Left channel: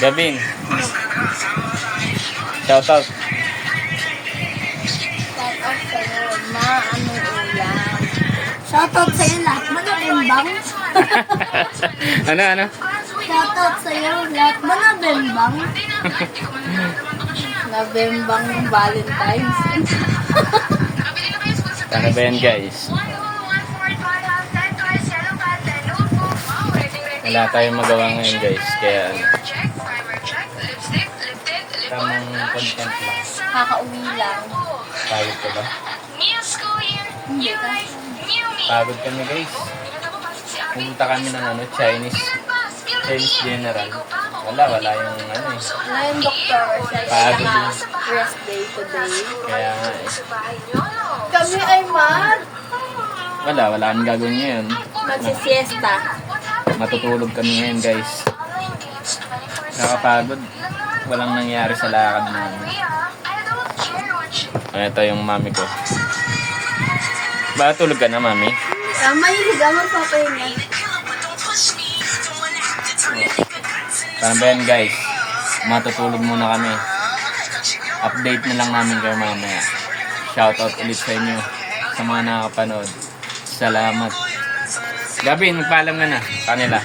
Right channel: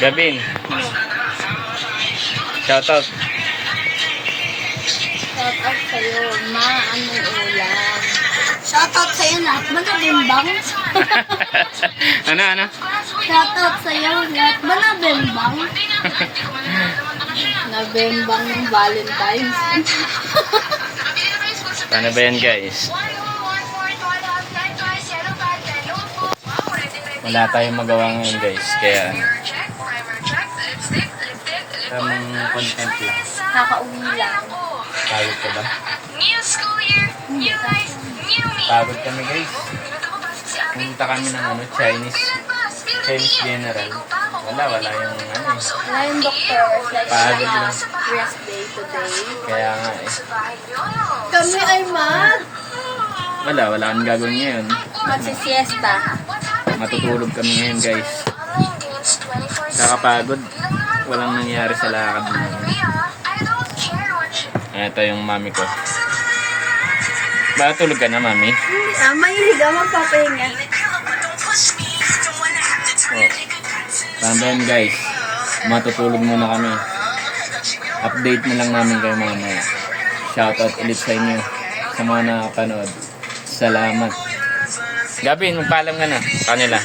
Gabin. Shoutout. Shoutout sa'yo na anong ulam. Shoutout sa'yo lahat magabembang. Ano? Shoutout sa'yo lahat magabembang. Nabembang ng Valentine's. Paano ba yan, guys? Wala tayong magawa ngayon, guys. Kaya tamang content lang. Nakauwi lang. Pagod ka ba? Hindi. Pagod kami, guys. Pumunta kami ng Chinese General. Wala yung eh. Wala yung doktor. Pagod lang. Rest day today. Kaya nga eh. Kami ay Wala kami gagawin ngayon. magsisiesta. Matutulog kami ngayon, guys. Kakapagod. Walang nangyari sa lakad namin. Ito yung mami ko. Ba, tulog ka na, mami? Mahilig ako magpapahinga. Paano ba yan, guys? Matutulog muna kami. Update na lang namin kayo mamaya. Shoutout ulit sa inyo sa mga nakapanood. Salamat. Gabi, magpaalam ka na sa kanila.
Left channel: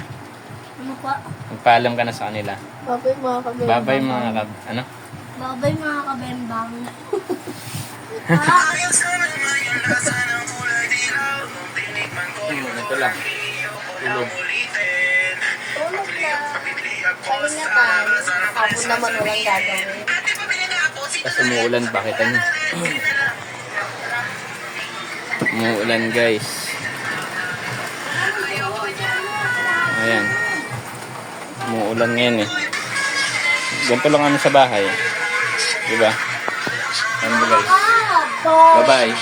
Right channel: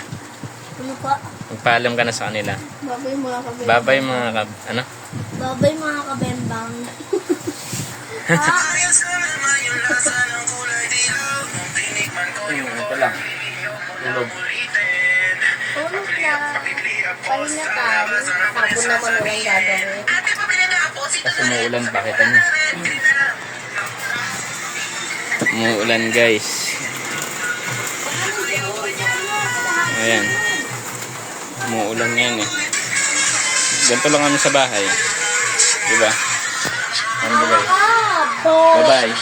Ano pa? Magpaalam ka na sa kanila. Babay mga kabembang. Babay mga ano? Babay mga kabembang. Ito lang. Tulog. Tulog ka. Pahinga ka. Hapon naman walang gagawin. Kasi umuulan pa, kita niyo. Umuulan, guys. Ayan. Umuulan ngayon eh. Ganito lang kami sa bahay. Diba? Ano ba, guys? Bye-bye.